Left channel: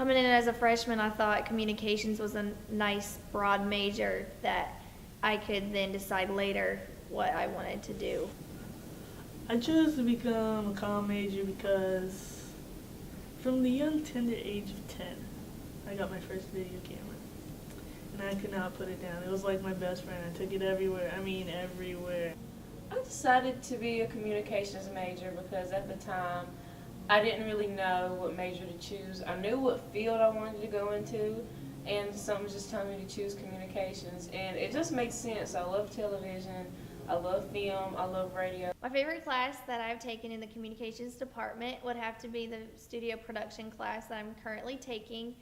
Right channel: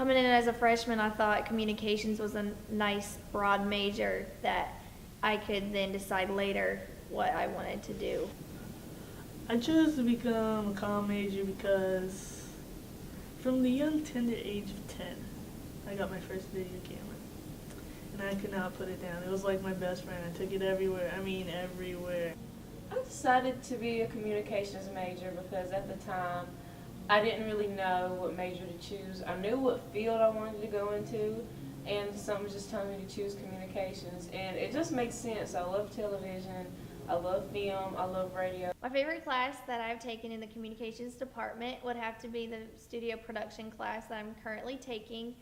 Coming in as a freshman, I thought communications was a nice broad major that I could then decide later what I wanted to do. I chose to become a comm major because from the young tender age of 10, I got my first video camera. And I could not put it down. It was like my best friend. I took it everywhere. I mean everywhere. I decided to be a communications major because at the time I didn't really know what major to choose. I knew what field I wanted to go into, and something was just telling me to choose communications, and it just makes sense. I love television, I love film, I love radio. My favorite class that I've taken in the communications department would have to be the studio production class that I'm currently taking.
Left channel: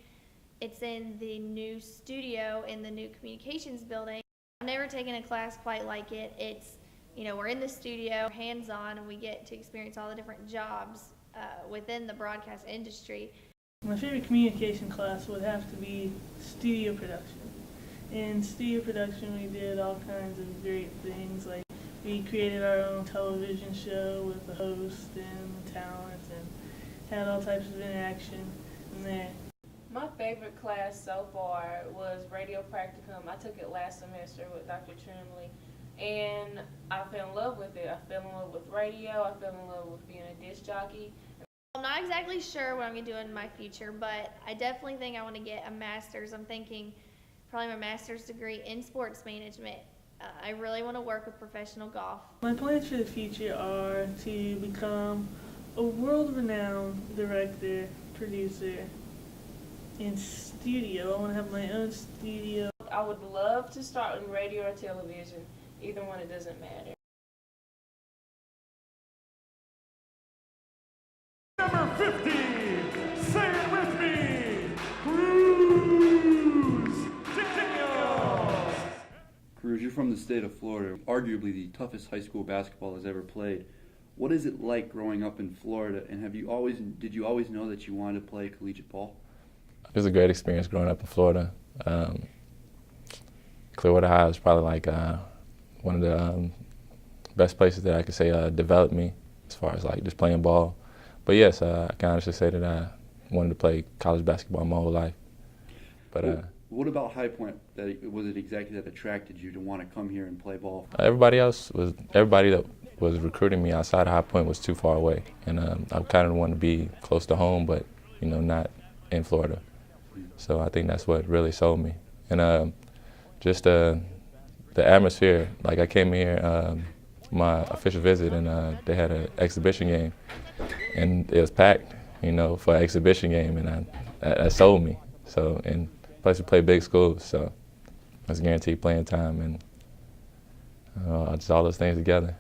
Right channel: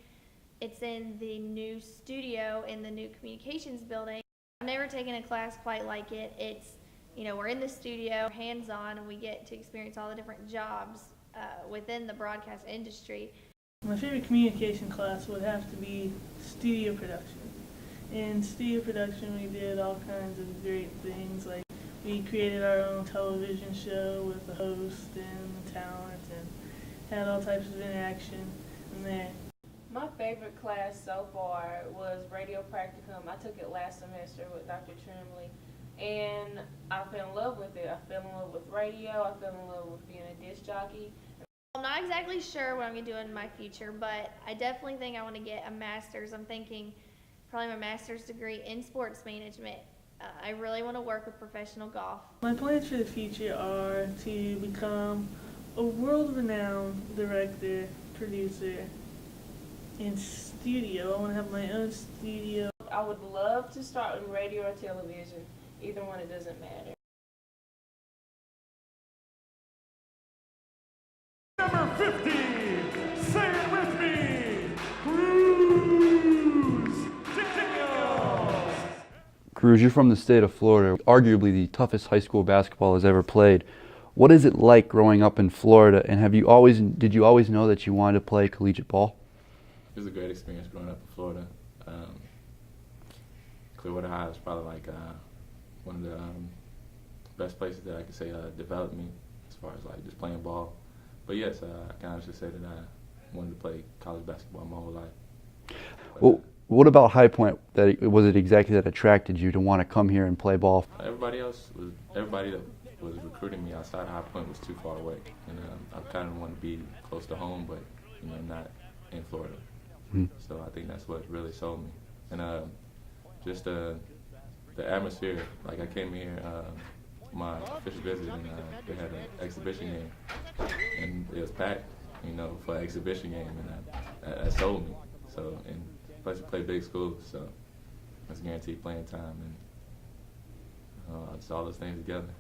It's in the new studio in the new communications building. I've never taken a class quite like it. It's, we're in the studio, hands-on, and we get to experience all the different jobs within the broadcast industry. My favorite communication class would have to be studio production. In studio production, we did all kinds of great things, like we created our own television show with the host and the talent and had all types of interaction in there. My favorite class so far was radio practicum. I took it last semester with Dr. Trimley, and I fell in love with it. I fell in love with radio. I fell in love with being a disc jockey. I'm not exactly sure what I'm going to do in my future, but I definitely think I want to get a master's. I'm thinking probably my master's degree in sports management. I really want to work with professional golf. My plans for the future are to become a world-renowned director, producer, and studio. I want to have my own studio. I would love to start in radio or television. Either one, it doesn't matter. Number 50, say it with me, Cruz Daniels. Cruz, you're from the state of Florida, arguably the toughest high school basketball has ever played. What is it like growing up in Florida, and did you always know that you wanted to play collegiate ball? It was a great experience growing up in Florida. Clearwater High was probably like one of the best places that I could say developed me as far as like just playing ball. But yes, I can honestly say that I wanted to play college basketball my whole life. But, what about High Point? Was it exactly that attracted you to want to come here and play ball? everybody that was recruiting me outside of High Point was too far away, and I kind of wanted to be close to home, but not in Florida. So I think that's what really sold me, and just the atmosphere. Like I came here, my official visit, and they had an exhibition game, and it was packed, for an exhibition game, and that sold me. So, and plus we play big schools, so I was guaranteed playing time, and just all those things together.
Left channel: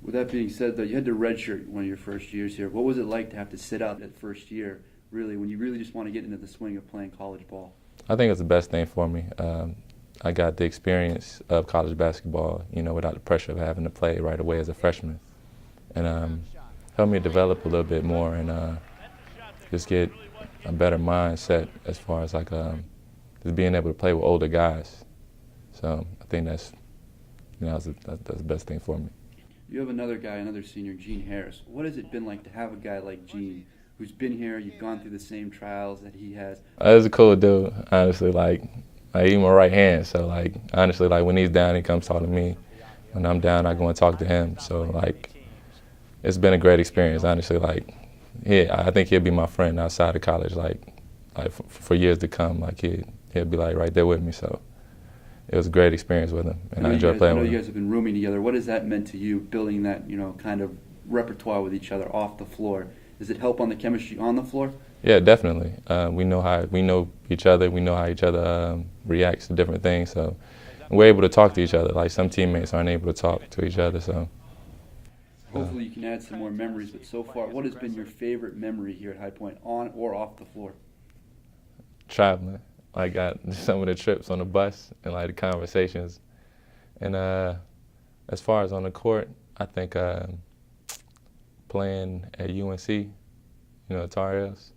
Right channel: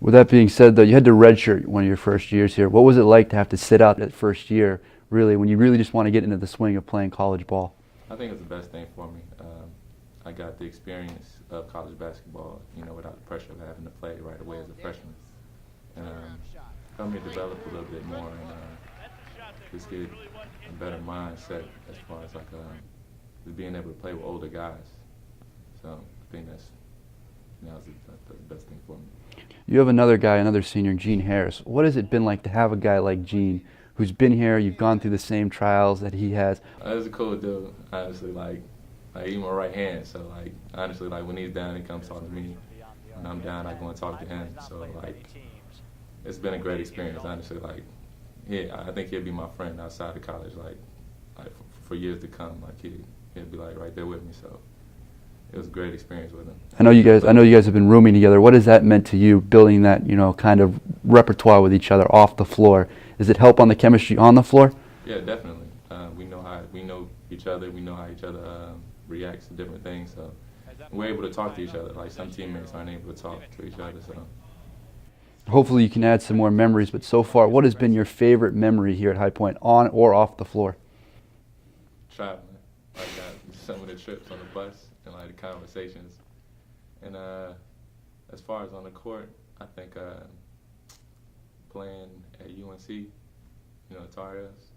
With that being said, though, you had to redshirt one of your first years here. What was it like to have to sit out that first year, really, when you really just want to get into the swing of playing college ball? I think it's the best thing for me. I got the experience of college basketball, without the pressure of having to play right away as a freshman, and helped me develop a little bit more and just get a better mindset as far as like just being able to play with older guys. So I think that's the best thing for me. You have another senior, Gene Harris. What has it been like to have a guy like Gene who's been here, you've gone through the same trials that he has? He's a cool dude, honestly. Like he's my right hand, so honestly, when he's down, he comes talk to me. When I'm down, I go and talk to him. So it's been a great experience, honestly. I think he'll be my friend outside of college, for years to come. He'll be right there with me. So it was a great experience with him. I know you guys have been rooming together. What has that meant to you, building that kind of repertoire with each other off the floor? Does it help on the chemistry on the floor? Yeah, definitely. We know each other. We know how each other reacts to different things. So we're able to talk to each other. Some teammates aren't able to talk to each other. So hopefully you can add some more memories. But so far, what has been your favorite memory here at High Point, on or off the floor? Traveling. I got some of the trips on the bus and the conversations. And as far as on the court, I think playing at UNC, Tar Heels.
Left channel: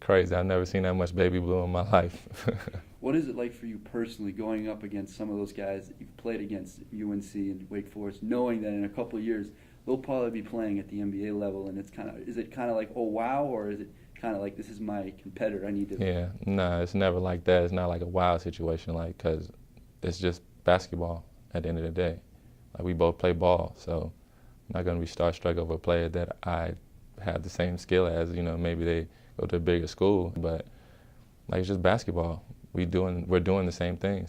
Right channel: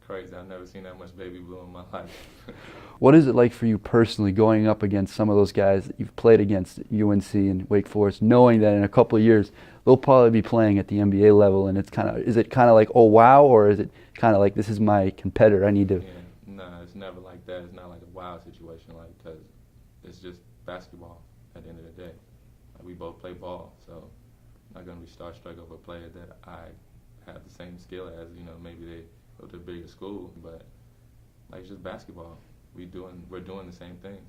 Crazy. I've never seen that much baby blue in my life. What is it like for you personally going up against some of those guys that you've played against at UNC and Wake Forest, knowing that in a couple of years they'll probably be playing at the NBA level, and is it kind of like, oh wow, or is it kind of like, this is my competitor, I need to. Yeah, no, it's never like that. It's not like a wild situation, like, because it's just basketball at the end of the day. Like, we both play ball, so I'm not going to be starstruck over a player that I have the same skill as. You know, maybe they go to a bigger school, but like, it's just basketball. We're doing the same things.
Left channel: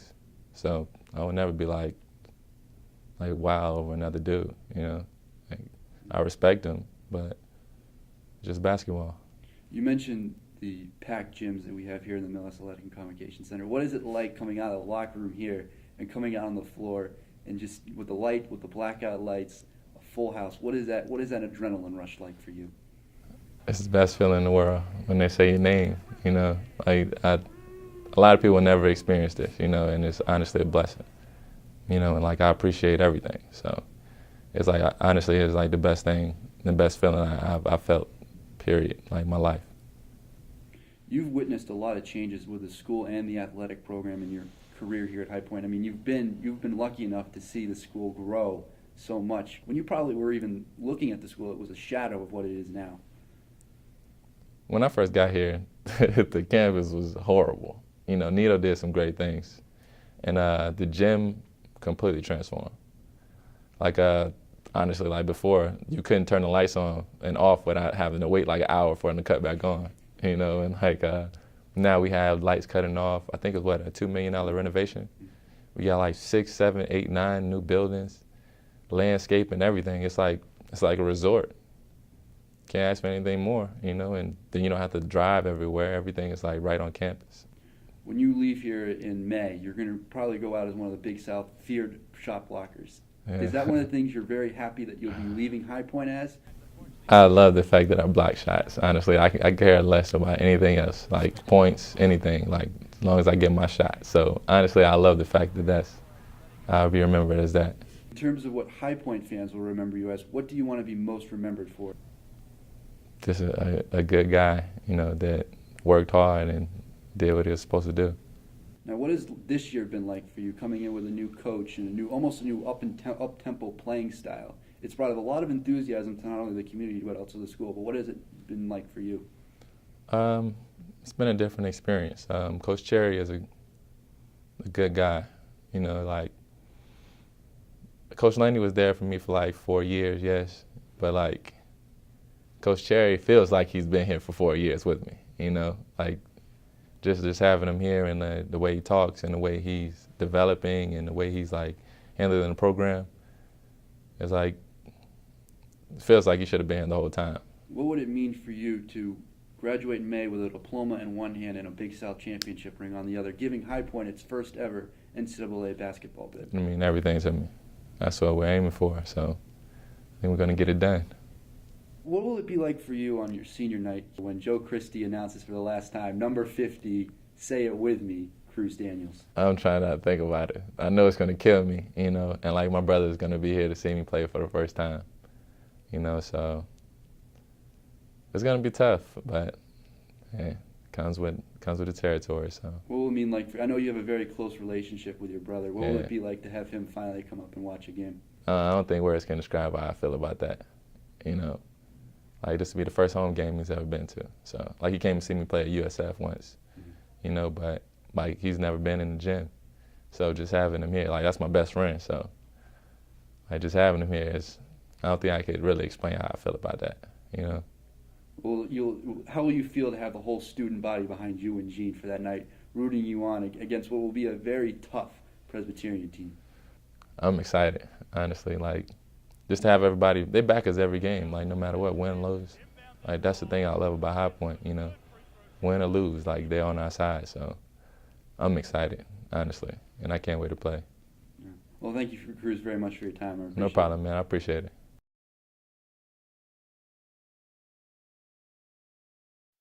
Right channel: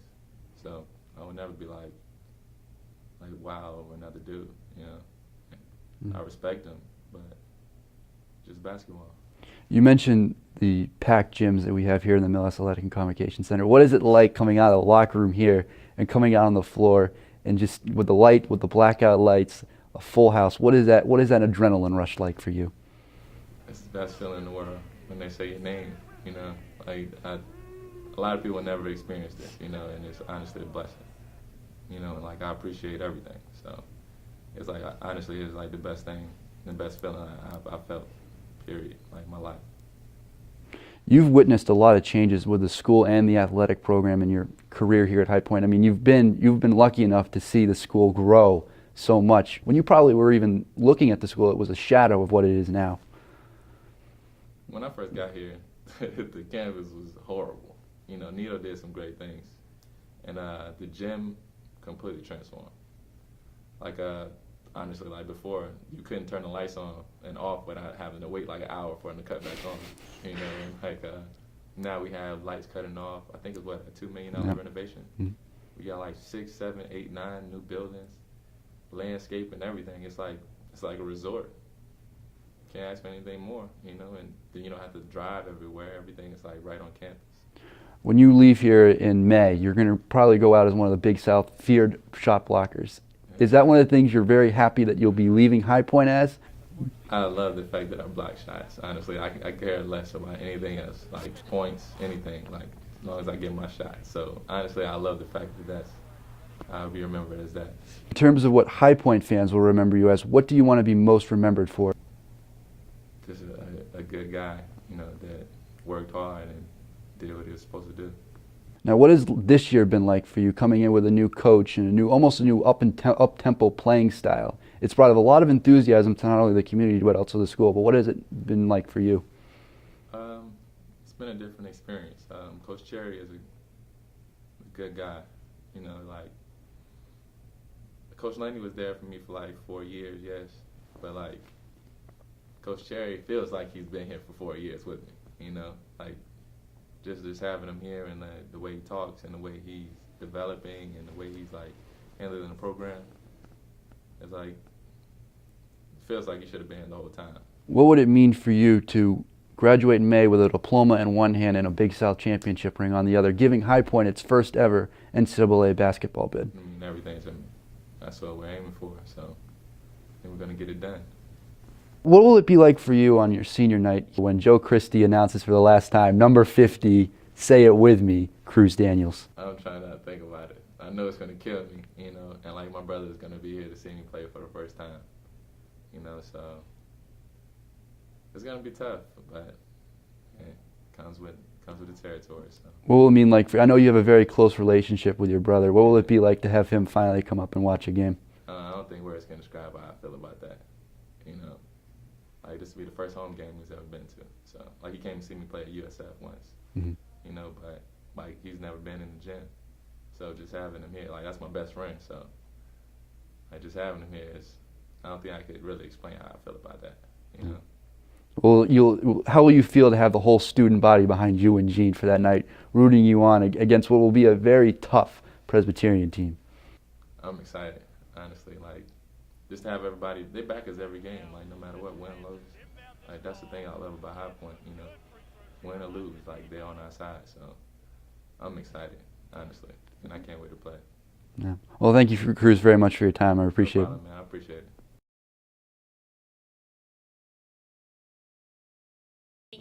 So I would never be like wow over another dude, you know. Like, I respect him, but just basketball. You mentioned the packed gyms that we have here in the Mill Athletic and Convocation Center. What is it like coming out of the locker room here and coming out on the floor and just with the light, with the blackout lights, a full house? What is that adrenaline rush like for you? It's the best feeling in the world when they say your name, you know. Like, a lot of people never experience this, you know, and it's honestly a blessing, you know, and like, I appreciate everything. So it's like, honestly, it's like the best thing, the best feeling I've felt, period, like my life. You've witnessed a lot of changes with the school and the athletic program in your career here at High Point. I mean, you've been lucky enough to see the school grow so much. When you probably were even looking at the school, it was a shadow of what it is now. When I first got here, the campus was horrible. You know, Nito did some great things, and the gym completely transformed. Like, honestly, like before, you couldn't turn the lights on and off without having to wait like an hour for them to cut back on. You know, and like now we have lights cutting off. I think it's what, a $2 million renovation. Mm-hmm. We got like 6, 7, 8, 9 new buildings, landscape and everything. It's like a resort. Can't ask for anything more, you know, and then you don't have to drive everywhere. Everything is like right on campus. When you leave here in May, you're going to probably go out as one of the Big South feared shot blockers. Yeah. Is that one of the things you're very happy that you'll be leaving High Point as? I love the fact that I block shots. Honestly, I care less about anything else, like points, anything, like as long as I get my shot. So honestly, I love the fact that I'll be remembered as that. In terms of what High Point fans will remember you as, what do you want to be most remembered for? Just a good guy, you know, that worked hard and did what he was supposed to do. Now, what has this year been like for you, coming in with a new coach and almost a new up-tempo playing style? It's brought a lot of enthusiasm to not only the community but also the school. But what has it been like for you? It's been a different experience. Coach Cherry is a good guy. You know, like, Coach Laney was there for me for like 4 years, yes, but like, Coach Cherry feels like he's been here for 4 years with me. You know, like, just having him here and the way he talks and the way he's developing and the way he's like handling the program, it's like, it feels like he should have been here the whole time. What would it mean for you to graduate in May with a diploma in one hand and a Big South championship ring on the other, giving High Point its first ever NCAA basketball bid? I mean, everything to me. That's what we're aiming for, so I think we're going to get it done. What will it be like for you on your senior night when Joe Christie announces for the last time, number 50, say it with me, Cruz Daniels? I'm trying not to think about it. I know it's going to kill me, you know, and like, my brother is going to be here to see me play for the first time, you know, so it's going to be tough, but yeah, comes with the territory. So what will it mean like I know you have a very close relationship with your brother. What will it be like to have him finally come up and watch a game? I don't think words can describe how I feel about that, you know. Like, this will be the first home game he's ever been to. So, like, he came to see me play at USF once, you know, but, like, he's never been in the gym. So just having him here, like, that's my best friend. So, like, just having him here is, I don't think I could really explain how I feel about that, you know. Well, how will you feel to have the whole student body behind you and Gene for that night, rooting you on against what will be a very tough Presbyterian team? I'm excited, honestly. Like, just to have everybody, they back us every game, like, no matter what, win, lose. Like, that's the thing I love about High Point, you know. Win or lose, like, they're on our side. So I'm excited, honestly, and I can't wait to play. Yeah. Well, thank you, Cruz, very much for your time. I appreciate it. No problem, man. I appreciate it.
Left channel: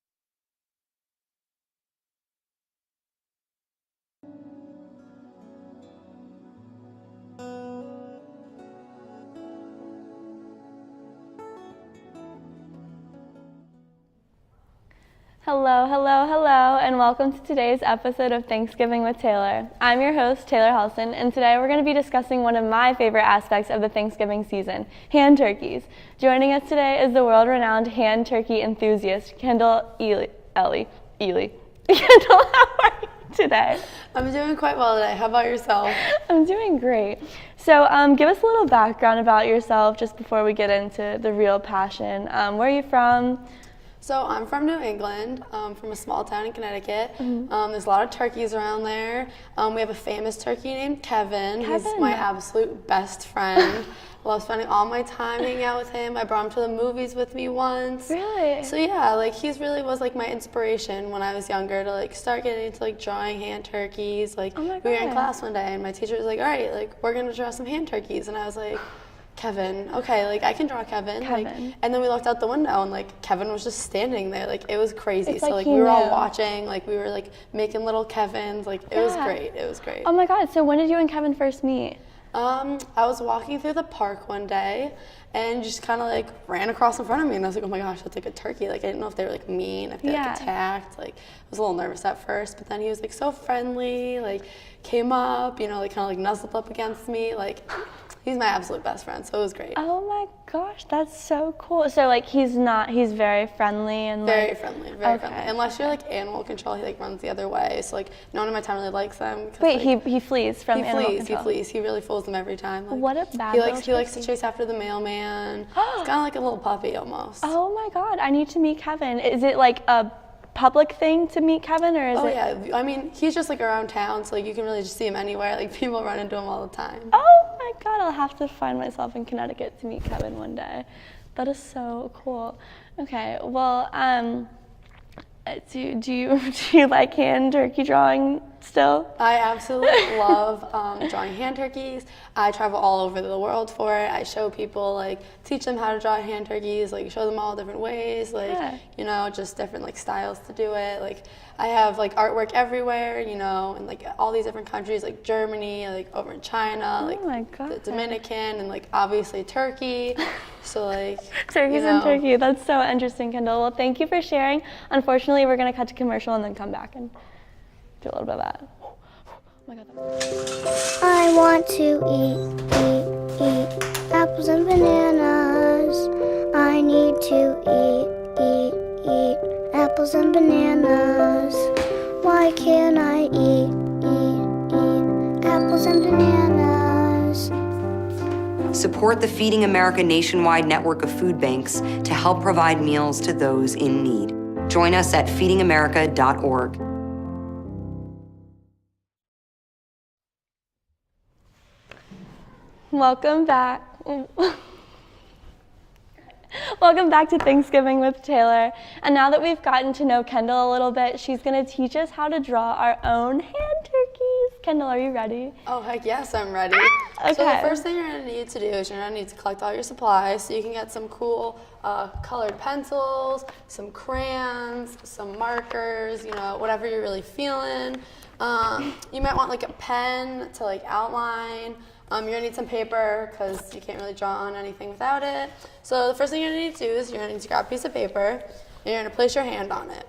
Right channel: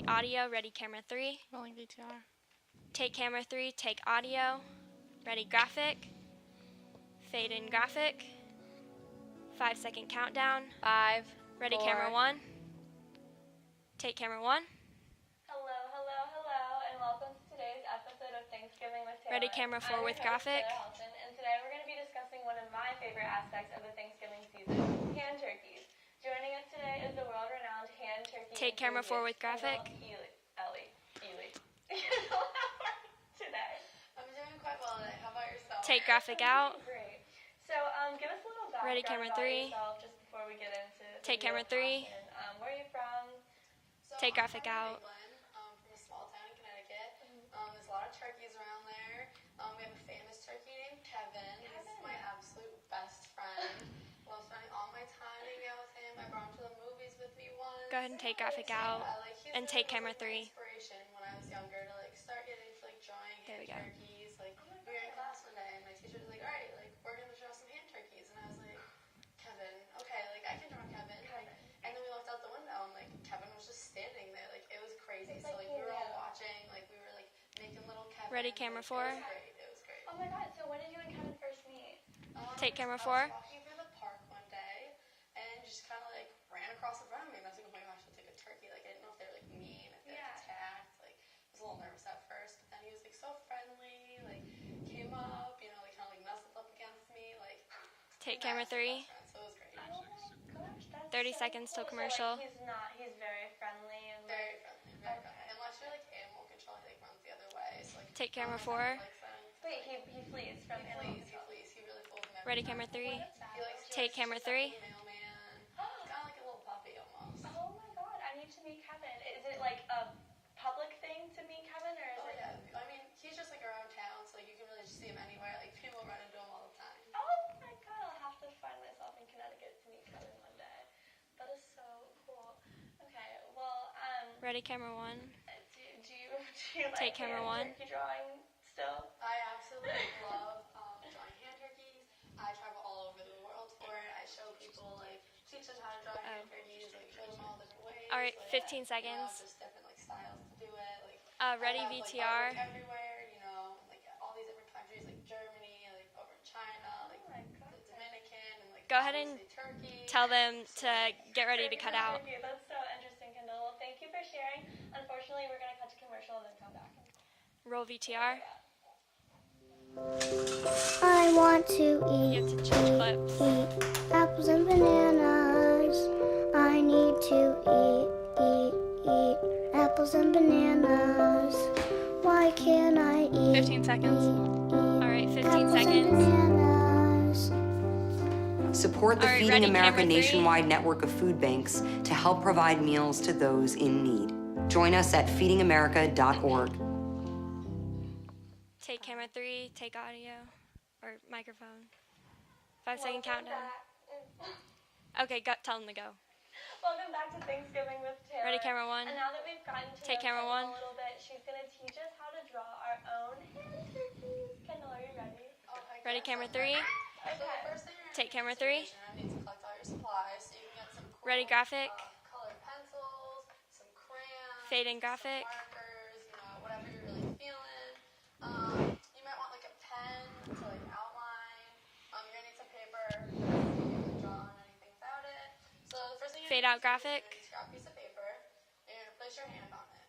Audio, ready, camera 3. Rolling VTR. Take camera 3, take audio. Ready, graphic. Fade in graphic. 5-second countdown. 5. Ready, 4, camera 1. Take camera 1. Hello, hello, hello, and welcome to today's episode of Thanksgiving with Taylor. camera I'm your forward, host, graphic. Taylor Helson, and today we're going to be discussing one of my favorite aspects of the Thanksgiving season, hand turkeys. Joining us today is the world-renowned hand turkey Take camera enthusiast, forward, Kendall Ely. Kendall, how are you today? I'm doing quite well today. How about yourself? I'm Graphic doing out. great. So give us a little background camera about three. yourself just before we get into the Take real camera three. passion. Where are you from? So Take I'm from graphic New out. England, from a small town in Connecticut. There's a lot of turkeys around there. We have a famous turkey named Kevin. He's Kevin. my absolute best friend. I love spending all my time hanging out with him. I brought him to the movies with me once. Really? So yeah, like he's And really take was like camera my three. inspiration when I was younger to like start getting into like drawing hand turkeys. Like Oh my we were in God. class one day and my teacher was like, "All right, like we're gonna draw some hand turkeys," and I was like, "Kevin, okay, like I can draw Kevin." Like, Kevin. and then we looked out the window and like Kevin was just standing there. Like it was crazy. It's So like like he we were all knew. watching. Like we were like making little Kevins. Like it was Yeah. great. It was great. Oh my God, so when did you and Kevin first meet? camera I was forward. walking through the park one day and just kind of like ran across in front of me and I was like, oh my gosh, that's like a turkey. Like I didn't know if they were like mean, if they Yeah. like attacked. Like I was a little nervous at first, but then he was like so friendly, like came up, you know, like kind of like nuzzled up against me. Like he's my camera absolute three. best friend, so it was great. Oh my gosh, that's 30 so seconds cool. to So like commercial. he's very friendly and Very like, friendly, very Okay, friendly. Unless you're like animal control, he like runs the other way. So like Take no one in my town camera really likes them. 'cause, wait, like, he flees from he animal flees, control. he flees. He really fools them every Ready, time. camera What a bad He little likes to Take chase camera after the three. mailman. It's kind of like a little puppy almost. Oh my God, I need to meet Kevin. Is it like a public thing to meet Kevin or is Oh it? yeah, I mean he's just like around town, so like you can really just see him anywhere. Like people run into him all the time. Oh my God, I'll have to find myself in Connecticut to meet Kevin one day. That is so cool. Okay, well, Ready, camera one. do you like hand turkey drawing still? I absolutely love drawing hand turkeys. I travel all over the world for it. I show people, like, teach them how to draw hand turkeys, like, show them all different ways, Alright, like, 15 you know, seconds. just different, like, styles to do it. Like, I ready, have, like, VTR. artwork everywhere, you know, and, like, all these different countries, like Germany, like, over in China, like, Oh my God. the Dominican, and, like, Go ahead. obviously Turkey. Tell them So, to like, get ready. Turkeys You and know. turkey. That's so interesting, Kendall. Well, thank you for sharing. Unfortunately, we're going to cut to commercial and then come back and Roll do all of VTR. that. Oh my God. I want to eat apples and bananas. I need to eat apples and bananas. Why can't I 15 seconds. Alright, 15 apples and seconds. bananas? Support the Alright, Feeding ready, America camera three. nationwide network of food banks to help provide meals to those in need. Join us at feedingamerica.org. Take camera three, take audio, or microphone. 5 Welcome seconds. back. Okay, tell them to go. Welcome back to Thanksgiving with Taylor. camera one. And now that we've gotten to know camera Kendall a little bit, she's going to teach us how to draw our own hand turkeys. Kendall, are you ready? Oh, heck yes, camera I'm three. ready. So the Okay. first thing you're going to Take need camera to do three. is you're going to need to collect all your supplies so you can get some Ready, cool graphic. colored pencils, some crayons, Fading some graphic. markers, you know, whatever you're really feeling. You might want like a pen to like outline. You're going to need some paper because you can't really draw on anything without it. So the first thing you're going Fade to need out to do is graphic. you're going to need to grab a piece of paper and you're going to place your hand on it.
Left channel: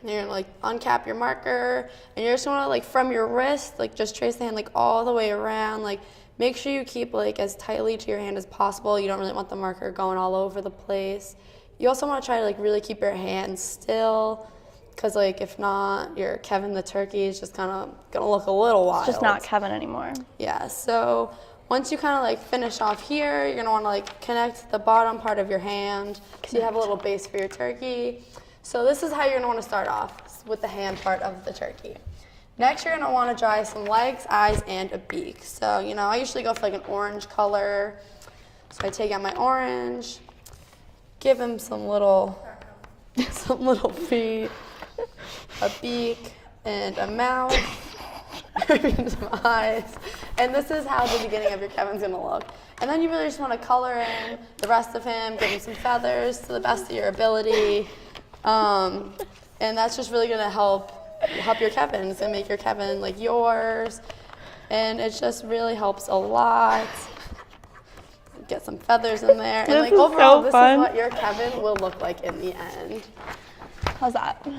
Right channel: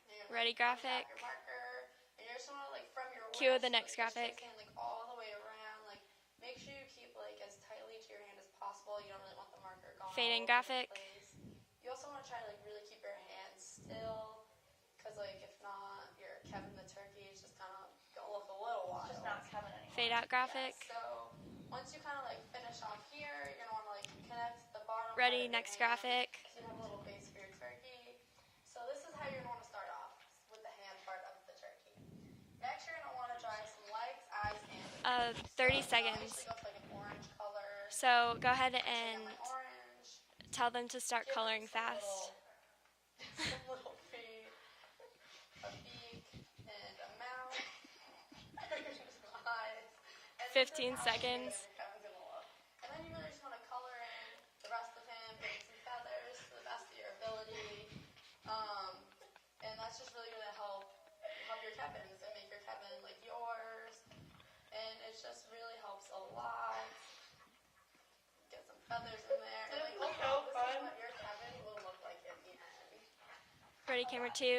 And you're gonna Ready, like graphic. uncap your marker, and you're just gonna like from your the wrist, next like just graphic. trace the hand like all the way around. Like make sure you keep like as tightly to your hand as possible. You don't really want the marker going all Fading over the graphic. place. You also want to try to like really keep your hand still, cause like if not, your Kevin the turkey is just kind of gonna look a little wild. It's just not Kevin anymore. Fade out graphic. Yeah. So once you kind of like finish off here, you're gonna want to like connect the bottom part Ready, of your next hand, graphic. so you have a little base for your turkey. So this is how you're gonna want to start off with the hand part of the turkey. Next, you're gonna want to draw some legs, eyes, and a beak. So 30 you know, I seconds. usually go for like an orange color. So go ahead So I and take out my orange, tell them to start give coloring him some fast. little feet, a beak, and a mouth, some eyes. And this is how the beginning of your Kevin's gonna look. And then you really just want to color in the rest of him, give him some feathers to the best of your ability. And that's just really gonna help your Kevin. It's gonna make your Kevin like yours. And it just really helps a lot. Get some feathers in there. And This like is overall, so this fun. is what your Kevin will look like in the end. Ready, How's that? Two.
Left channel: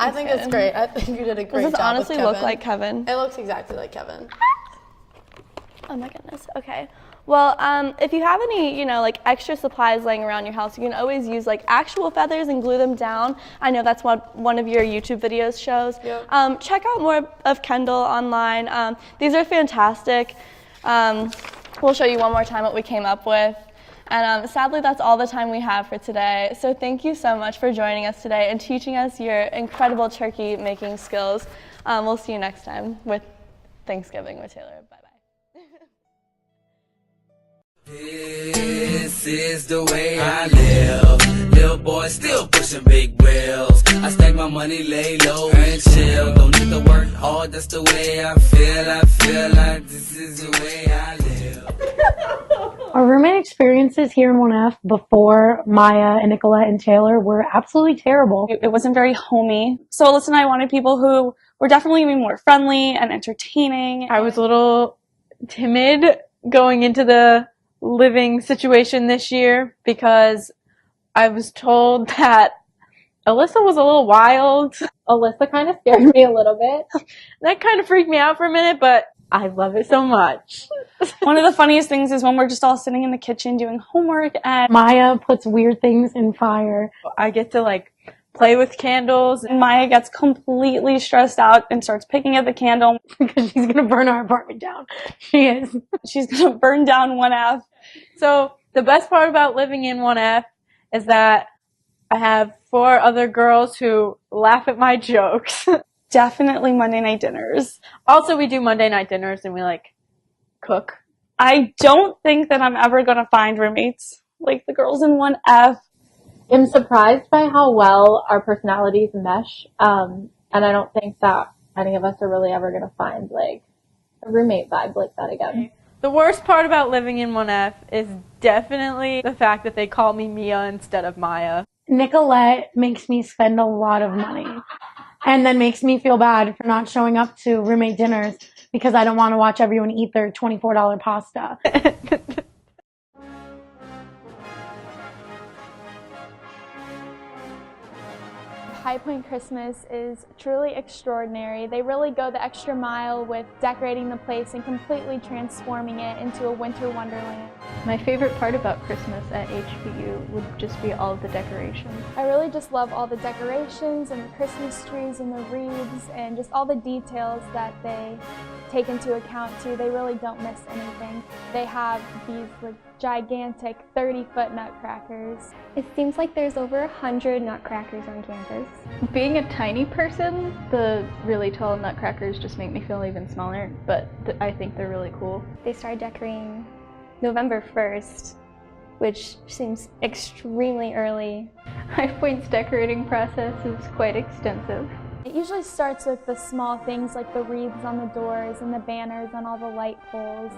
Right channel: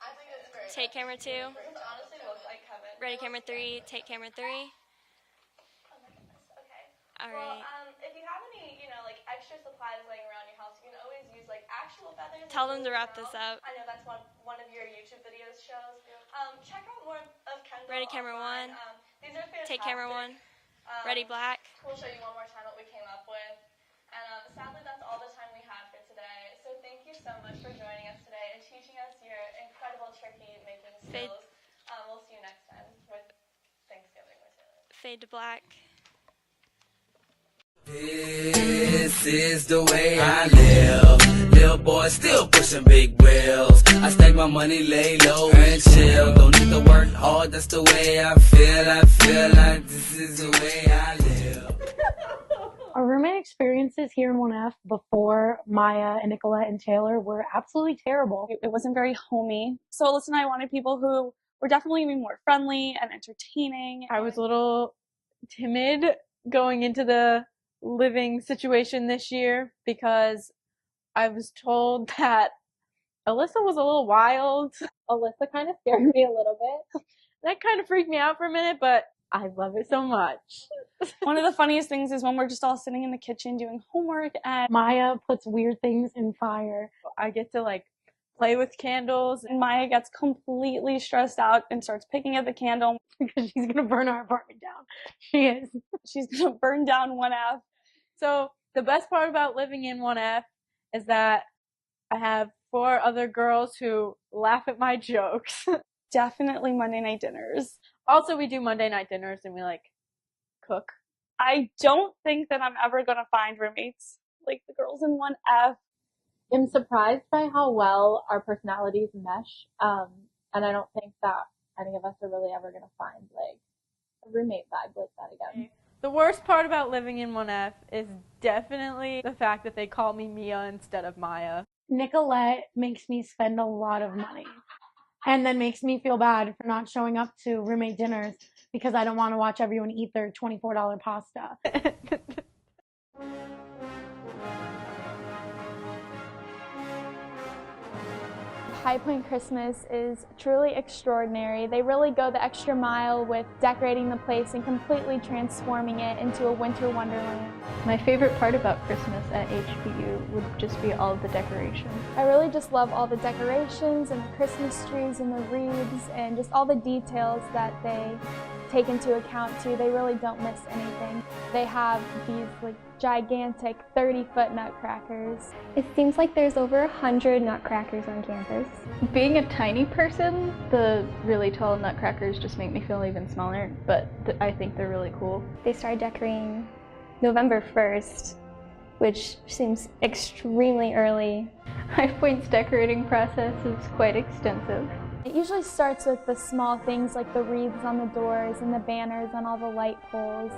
I think it's great. I think you did a Does great this job honestly with look Kevin. like Kevin? It looks Camera exactly three, like take Kevin. camera three. Oh my goodness. Okay. Well, if you have any, like extra supplies laying around your house, you can always use like actual feathers and Tell glue them them to wrap down. this up. I know that's what one of your YouTube videos shows. Yep. Check out more of Kendall online. These are fantastic. Black. We'll show you one more time what we came up with. And sadly, that's all the time we have for today. So thank you so much for joining us today and teaching us your incredible turkey making skills. We'll see you next time with Thanksgiving with Taylor. Bye. Fade to black. This is the way I live. Little boy still pushing big wheels. I stack my money, lay low and chill. Don't need to work hard, that's the way I feel. I feel like this is the way I live. Our roommate experiences here in 1F before Maya and Nicolette and Taylor were absolutely terrible. It wasn't very homey. So Alyssa and I wanted people who were definitely going to be more friendly and entertaining. I was a little timid going into the living situation this year because I was told that Alyssa was a little wild. Alyssa kind of scared me a little bit. That kind of freaked me out for a minute, but I love it so much. One of the funniest things is when we're just all sitting in the kitchen doing homework and Maya puts weird things in fire. I get to like play with candles. Maya gets completely stressed out and starts picking at the candle because she's going to burn our apartment down. She is. She's going to burn down 1F. So the best part about living in 1F is that I have 4 other girls who laugh at my jokes. Definitely Monday night dinners. Also, we do Monday night dinners and we like cook. I don't think that I'm ever going to find roommates like the girls in 1F. I'm surprised by how well our personalities mesh. And I don't think that any of us are really ever going to find like a roommate vibe like that again. The worst part about living in 1F is definitely the fact that they call me Mia instead of Maya. Nicolette makes me spend a lot of money and then makes me feel bad for not showing up to roommate dinners because I don't want to watch everyone eat their $24 pasta. High Point Christmas is truly extraordinary. They really go the extra mile with decorating the place and completely transforming it into a winter wonderland. My favorite part about Christmas at HPU would just be all of the decorations. I really just love all the decorations and the Christmas trees and the wreaths and just all the details that they take into account too. They really don't miss anything. They have these like gigantic 30-foot nutcrackers. It seems like there's over 100 nutcrackers on campus. Being a tiny person, the really tall nutcrackers just make me feel even smaller, but I think they're really cool. They started decorating November 1st, which seems extremely early. High Point's decorating process is quite extensive. It usually starts with the small things like the wreaths on the doors and the banners on all the light poles.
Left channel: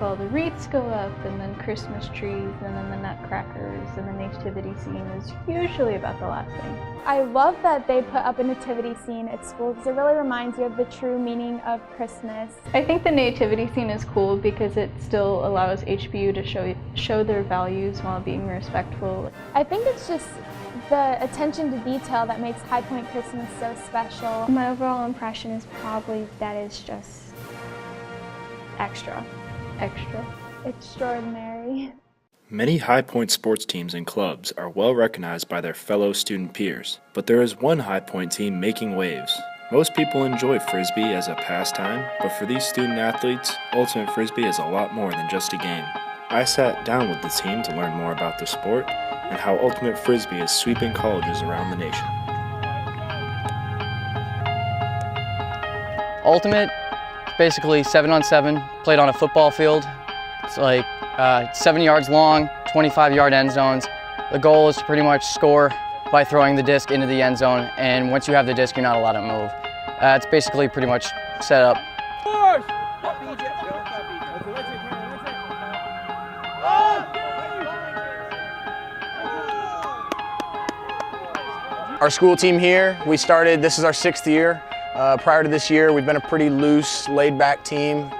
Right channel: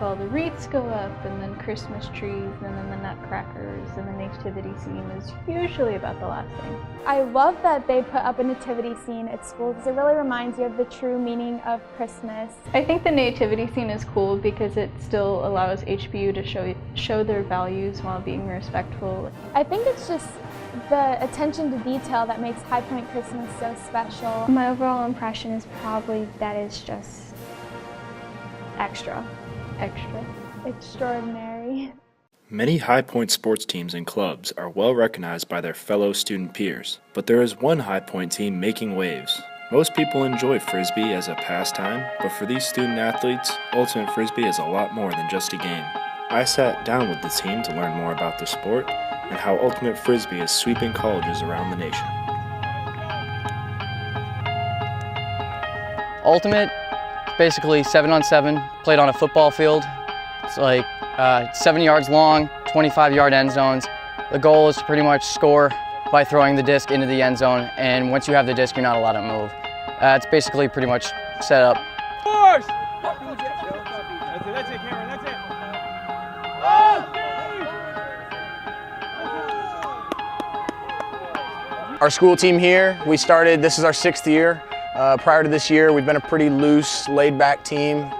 All the wreaths go up, and then Christmas trees, and then the nutcrackers, and the nativity scene is usually about the last thing. I love that they put up a nativity scene at school because it really reminds you of the true meaning of Christmas. I think the nativity scene is cool because it still allows HPU to show their values while being respectful. I think it's just the attention to detail that makes High Point Christmas so special. My overall impression is probably that it's just extra. Extraordinary. Many High Point sports teams and clubs are well recognized by their fellow student peers, but there is one High Point team making waves. Most people enjoy Frisbee as a pastime, but for these student athletes, Ultimate Frisbee is a lot more than just a game. I sat down with the team to learn more about the sport and how Ultimate Frisbee is sweeping colleges around the nation. Ultimate, basically 7-on-7, played on a football field. It's like 7 yards long, 25-yard end zones. The goal is to pretty much score by throwing the disc into the end zone, and once you have the disc, you're not allowed to move. It's basically pretty much set up. Our school team here, we started, this is our 6th year. Prior to this year, we've been a pretty loose, laid-back team.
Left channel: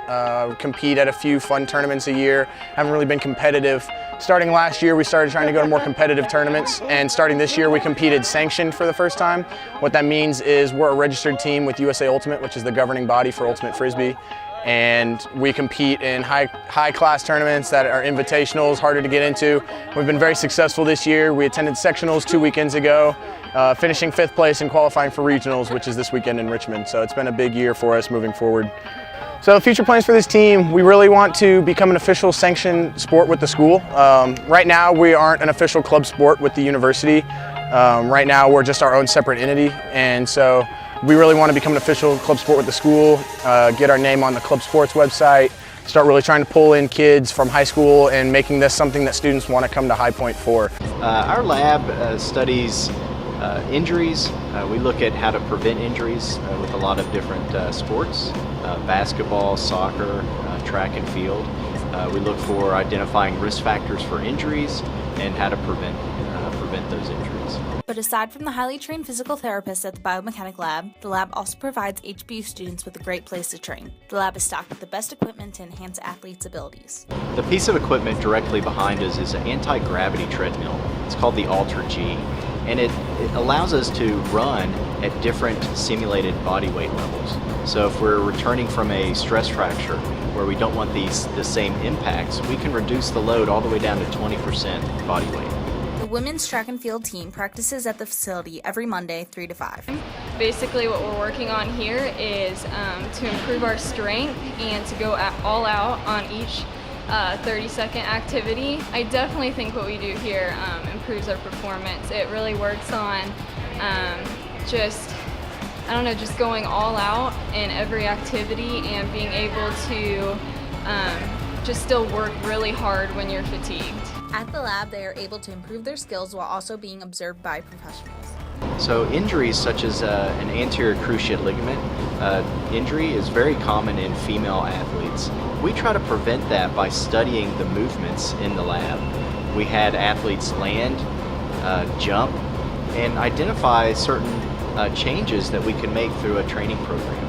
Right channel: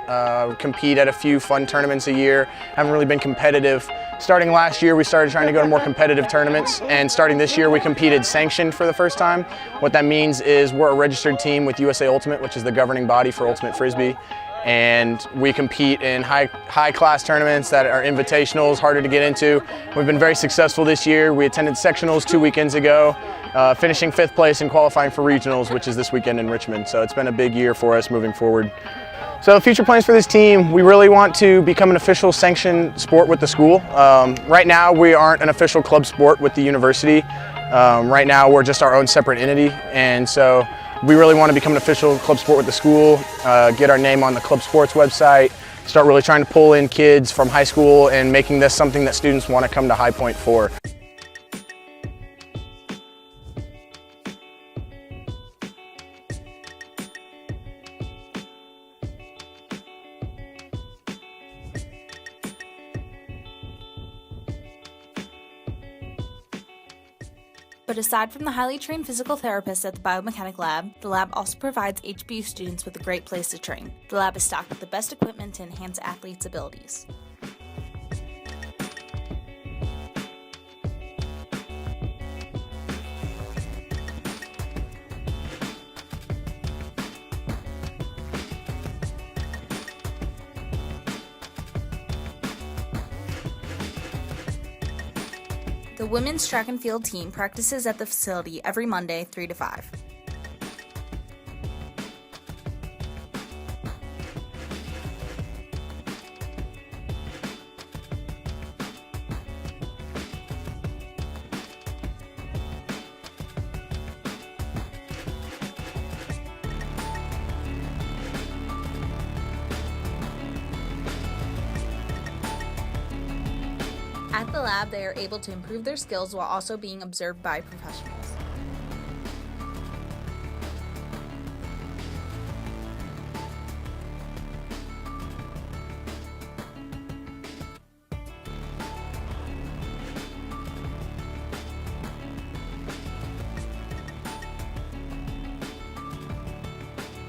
Compete at a few fun tournaments a year. Haven't really been competitive Starting last year, we started trying to go to more competitive tournaments, and starting this year, we competed sanctioned for the first time. What that means is we're a registered team with USA Ultimate, which is the governing body for Ultimate Frisbee, and we compete in high-class tournaments that are invitationals, harder to get into. We've been very successful this year. We attended sectionals 2 weekends ago, finishing 5th place and qualifying for regionals, which is this weekend in Richmond. So it's been a big year for us moving forward. So future plans for this team, we really want to become an official sanctioned sport with the school. Right now we aren't an official club sport with the university. Right now we're just our own separate entity, and so we really want to become an official club sport with the school, get our name on the club sports website, start really trying to pull in kids from high school and making this something that students want to come to High Point for. Our lab studies injuries. We look at how to prevent injuries with a lot of different sports, basketball, soccer, track and field. We look for identifying risk factors for injuries and how to prevent those injuries. But aside from the highly trained physical therapists at the biomechanic lab, the lab also provides HBU students with a great place to train. The lab is stocked with the best equipment to enhance athletes' abilities. The piece of equipment directly behind us is an anti-gravity treadmill. It's called the Ultra G, and it allows us to run at different simulated body weight levels. So if we're returning from a stress fracture where we don't want the same impacts, we can reduce the load all the way down to 20% body weight. The women's track and field team practices at the facility every Monday, 3 to 5. Basically what we're working on here is to improve our strength and to go all out on each 30-second activity. I definitely think what we do here improves our performance. It really works on just going all out in every activity and being able to just still work really hard when you're fatigued. At the lab, they are able to improve their skills while also being observed by professionals. So injuries such as an anterior cruciate ligament injury is very common in female athletes. We try to prevent that by studying the movements in the lab. We had athletes land, jump, and identify certain changes that we can make through a training program.